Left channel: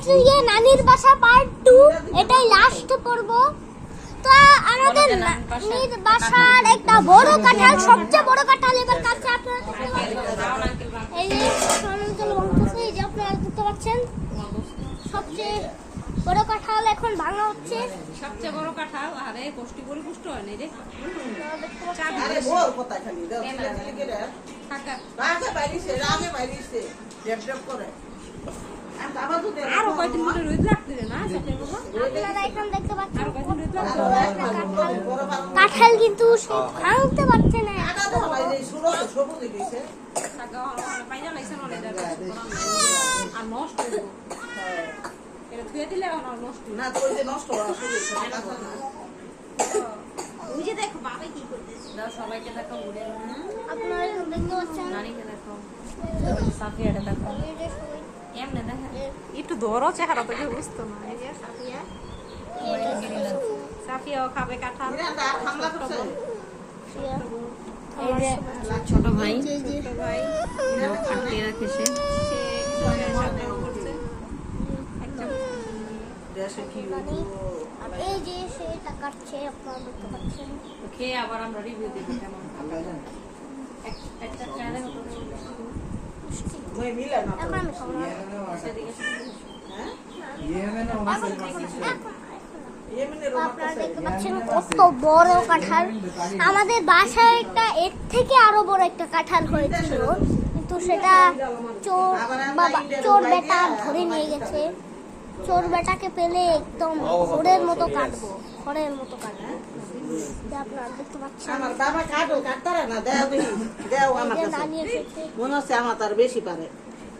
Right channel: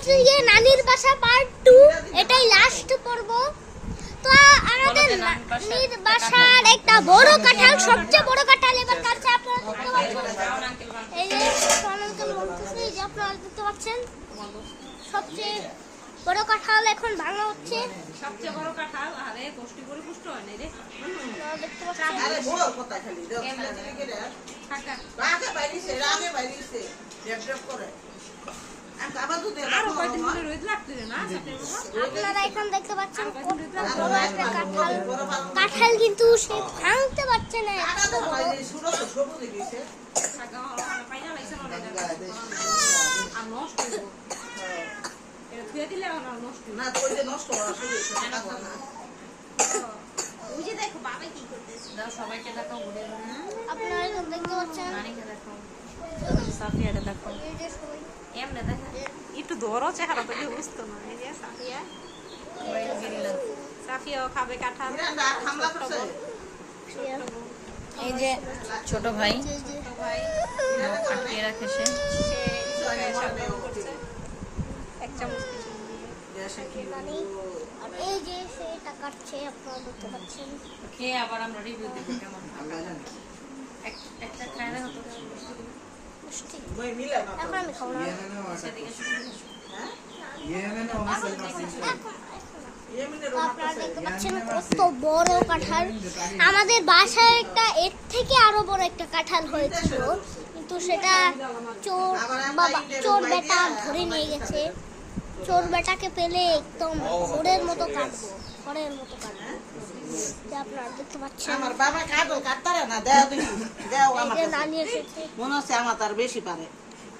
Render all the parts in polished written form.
হচ্ছে যে নানির বাসা পার্ট 2, এটাই লাস্ট পর্ব। তো আমাদের নানির বাসার একটা বড় কাঁঠাল, সবচেয়ে বড় কাঁঠাল এবার কাছে আপনারা দেখতে পাচ্ছেন। এই যে আঙ্কেল বলতেছে, এই যে আপনারা দেখতে পাচ্ছেন সবচেয়ে বড় কাঁঠাল এখন ভাঙা হচ্ছে। সবচেয়ে বড় কাঁঠাল, আরে পুষ্টি পরিপুষ্ট হয় না রে। দেখতে পাচ্ছেন আরে বল কোথায় খালি দাও চিলি করে রাগে বাইরিছে ডেপ ডেপ করে আমি আবার তো দেব আরো কয়দিন ধরে রোদ লাগতে রে না সাথে বাবা। আপনারা এখন দেখতে পাচ্ছেন আর কয়দিন রোদ লাগতে কাঁঠাল কিন্তু ভাঙতে পারছে না। কাটা দাও বাইরে শুরু সবুজ দিছে থাকা পাইয়া লাইছে মনে আর নষ্ট হইব। এটা থুয়ে দিলে আর নষ্ট হইব না তো ওই যে নষ্ট হওয়া শুরু হইছে না না ওই যে দেখো বাবা কি করতেছে। দাও সবাইকে দেখাও ঘুরে আপনারা এখন দেখতে পাচ্ছেন নানিকে দেখাও সাফিয়াটা দেখাও এই যে সবাই এমনে দেখা একটু ধরো চেহারা তো কেউ বুঝতো না। এই যে সাফিয়া সাফিয়াও খাবে কাঁঠাল। আমরা হামলা করছে এই যে ছোট ভাই ছোট ভাই এরা কিসে দেশে কি আর এই যে সেটা কাটছে আপনারা দেখতে পাচ্ছেন। খেয়ে আবার আমরা রিভিউ দেব কেমন একটা খায় দেখো তো মই মিলা না এখন আমি খাবো না। সেদিকে হ্যাঁ এখন ইয়েমেনে তো রোমা আপনারা দেখতে পাচ্ছেন কত বড় কাঁঠাল। আমাদের বাসায় একটা এর থেকে আরো বড় একটা কাঁঠাল হয়েছিল, কিন্তু সেটা চোর বেটা ধরে নিয়ে গেছে। চোর বেটাকে পেলে একদম খড়ের মতো কাটবো, খড়ের মতো কাটবো। আপনারা দেখতে পাচ্ছেন আমার বাবা কাটো কাটতারা না দাও দেখি দাও আমার যে কাছে নানি এসেছে। মনে হচ্ছে আমার তার বেশি পারে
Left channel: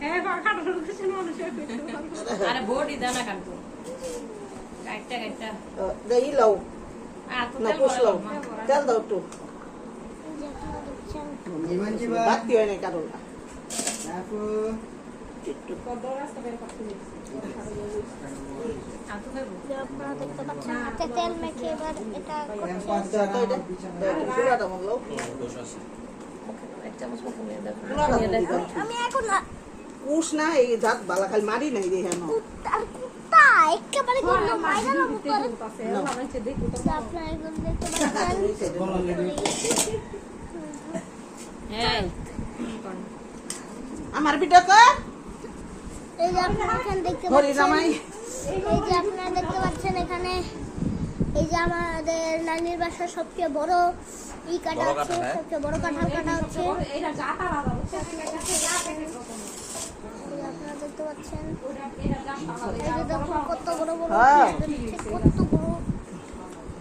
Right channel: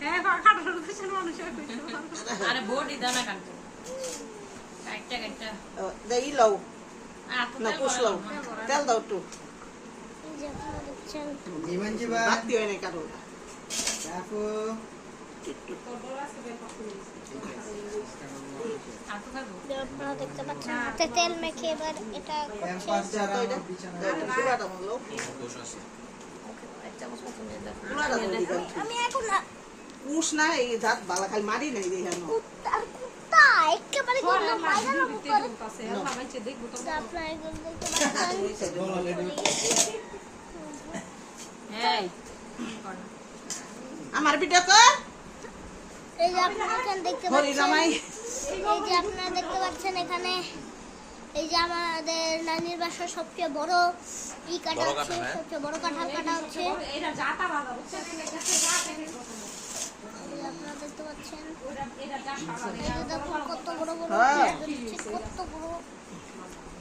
হ্যাঁ কাটা ধরতে ছিল মানুষ আরে বডি দানা কাটবো কাটটা কাটটা দেই লও আর তো না পুষলো তেল দাও একটু এই যে আপনারা দেখছেন বাতি হয় না কারো আর তো খাইবো যে আপনারা দেখতে পাচ্ছেন হাতে তেল মেখে এবার এটা করছে। চুলাটা মতো এক চামচ মতো নিয়ে দেখো চুলাটা আমি এখন না উস না এই দাঁত বালা খালি মারি নাই দেখে না আর কুত্তা একেবারে গন্ধ মাইরা না উপরে। পাশে সবাইকে দেখবো তো যে আপনারা এখন দেখতে পাচ্ছেন হ্যাঁ আমার ভিডিও কর এই যে আপনারা এখানে দেখতে হরি পাচ্ছেন, রামাই এই যে আপনারা দেখতে পাচ্ছেন এখানে এই যে আমাদের নানির বাসার সবচেয়ে বড় ই কাটা হচ্ছে, সবচেয়ে বড় কাঁঠাল কাটা হচ্ছে। এটা জাতা বাবা এই যে আপনারা দেখতে পাচ্ছেন এটা জাতা এই যে দেখুন কত বড় বড় হ্যাঁ। কত বড়।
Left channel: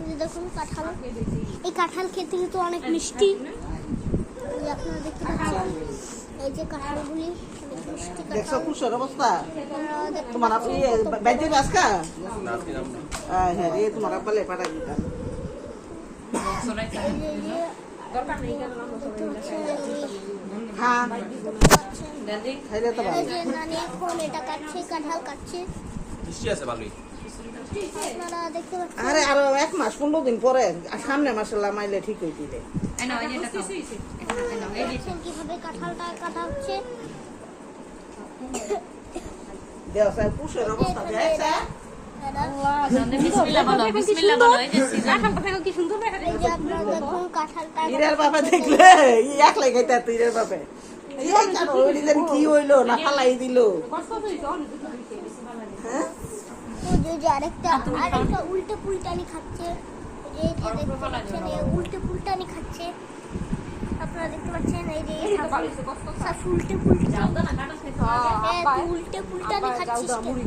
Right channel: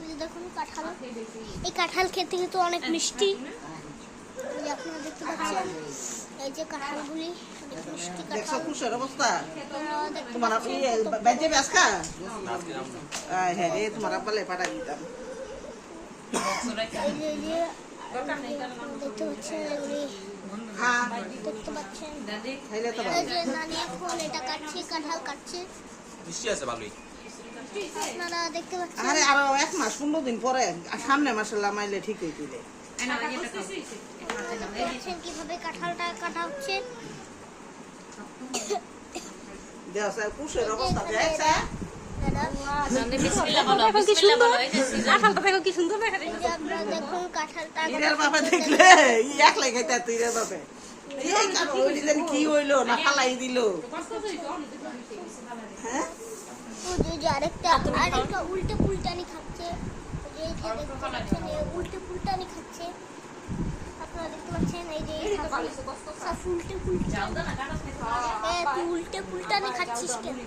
এই যে দেখুন কাঁঠাল, এই কাঁঠাল খেতে কিন্তু অনেক মিষ্টি। এই যে আপনারা দেখতে পাচ্ছেন এই যে কাঁঠালগুলি অনেক মিষ্টি দেখছো কাঁঠাল। খুশের অবস্থা আপনারা দেখতে তোমার বেজে আজকা হ্যাঁ এই তোমার আব্বালে পাঠাই দিতাম এই যে দেখতে পাচ্ছেন এগুলি, হ্যাঁ দেখতে পাচ্ছেন দাদি খাইলে তো এই ভালো যে নানি এখন এটা কাটছে, কাঁঠাল কাটছে। মিষ্টি আছে ভালোই। আপনারা দেখতে পাচ্ছেন আরে আরো 1 মাস 15 দিন পরে সামনে মাসাল্লাহ মাইলে ঠিক হয়ে দিলে এনা এই যে দেখছেন কিভাবে কাঁঠালটা কাটা হচ্ছে। দেখ স্যার খুশের অবস্থা দেখছা বিসমিল্লাহ বলো বিসমিল্লাহ বলো। এই যে সিজন দেখো কি সুন্দর দেখা এই যে আপনারা দেখুন কাঁঠালটা ইরের বাবা দেখলে একলাই খাইতা তুই ইরের বাবা এই কারণ ওই দিন কি হইলো না ফালাই দিল কষ্ট হইছে অনেক হ্যাঁ তো যে আরেকটা উল্টে পুলটানি খাচ্ছে। এই যে দেখতে পাচ্ছেন এই উল্টে পুলটানি খাচ্ছে। আপনারা দেখতে পাচ্ছেন এই যে উল্টে উল্টে পুলটানি খাচ্ছিস কেন?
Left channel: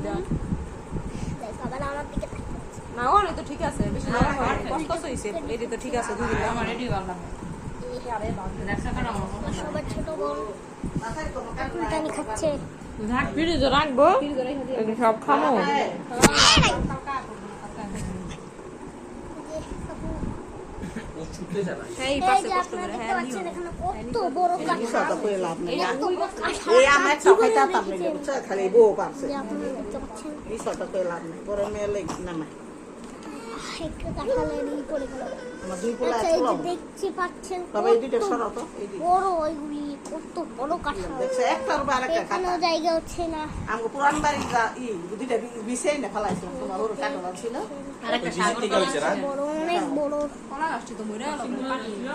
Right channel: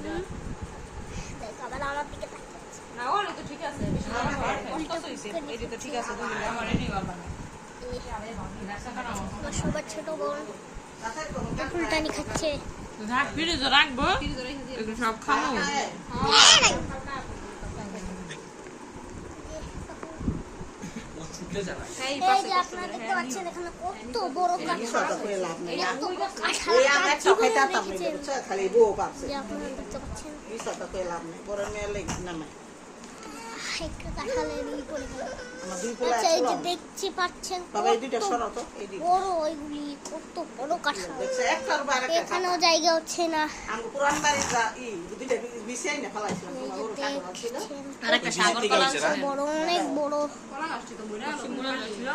দেখ আবার আমার দিকে তাকিয়ে আছে। না ওরে তো ঠিক আছে বেশি কষ্ট হইছে এই তো ঠিক আছে দুই দিন আমার রেডি করলাম সবার ছোট বোন পুলটানি খাচ্ছে। ফ্রিজে রাখবো সব খামো এই যে আপনারা দেখতে পাচ্ছেন এখানে কত বড় কথা কাঁঠাল, কই লাভ নাই কত বড় কাঁঠাল এই আমার একটা খাইতা তামলে বুঝছ খালি বউ পারছে যে আপনারা দেখতে পাচ্ছেন। এই কথা কই লাভ নাই পরে মেয়ে লাগি না একটা কাঁঠালের ই পড়ে গেল। আমার দুই পোলা আচ্ছা এক এই যে পোলা। দেখতে পাচ্ছেন তবে এই দুইটা কত সরাও তো, এই দুইটা। বড় ওইগুলি, কত বড় কাঁঠাল। দেখছো, একটার বাইরে একটা এখানেও কাঁঠাল। জায়গা হচ্ছে না। আমার পুরান বাড়ির দুইটা বিছিয়ে না ফেলাইছিলাম, কোনো ওর কাঁঠাল ছিল। আরেকটা ওই সাগর বিচিত্রি কলা হয়েছে না? আছে। বড়, অনেক বড়। কলা গাছটি তো মরে গেল, পানি ছিল।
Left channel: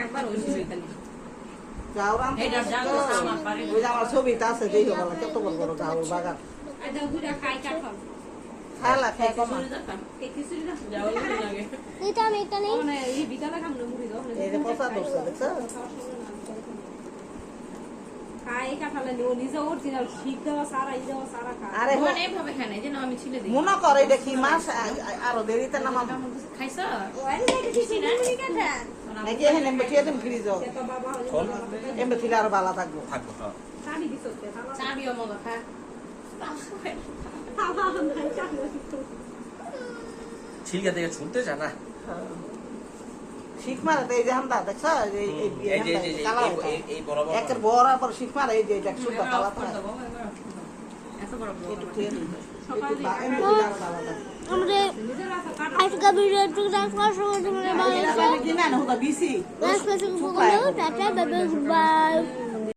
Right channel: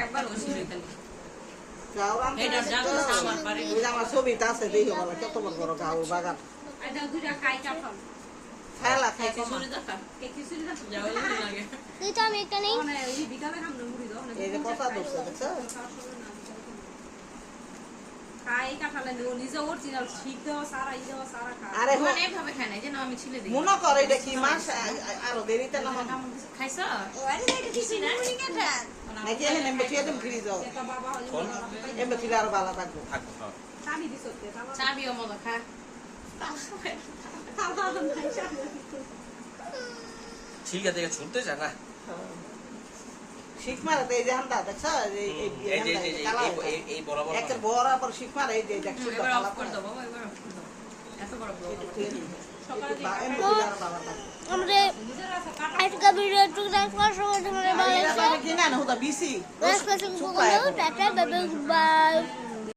একবার হয়েছিল খালি। গাওরাম এইটা জাগো আমার বাড়ি। ওই যে আমার ছবিটা আছে, দেখো বলা কত বড় বড় গাও বাগান। এটা দুইটা কাই কাঠাল। খেলা খাই কমা। খিচুড়ি দেখা। এই খিচুড়ি দেখা। যাওয়াই লাগে। এই তো আমি একটা নেই। মানে এই বিকালে খামনে মুড়ি দাও। এই যে পচা ধরছে, দেখছো? খাই কাঠালে ও নিজে অরিজিনাল শীত দেওয়া সারা ই দেওয়া সারা খা। আরে মানে এভাবে খায় না, এই যে না আমি ছিলে দিই। মনে করে এটা কি মাছ, আরো দেরিতে নামাম খাইছ? নাকি এখানে এমবে থিয়ে দেম ফ্রিজ এটা বাবা হলে এমবে থিলে আরো ভালো থাকবো। থাকবো, হ্যাঁ। চাবি দিছ তে তালা। চাবিও মগা খা। ঠিক আছে, ছুটতে চায় না। শিখ মারে তো এই যে হান্দা, দেখছো? এই এই যে- হান্দা, এই যে- কালা এই- এই বরাবর একের বরাবর শিখ মারে, এই যে দেখ সুন্দর কালা করে দেবো, এত বড় বড়। একটু থিয়ে দিই। এমবে থিলে আরো ভালো থাকবো। আমরা নিজের আছে কাটা। আজকে ভিডিও দেখার সময় তোমরা আর এরা ভালো কিনা না, হুদা বিসি। Tata, bye bye, good by.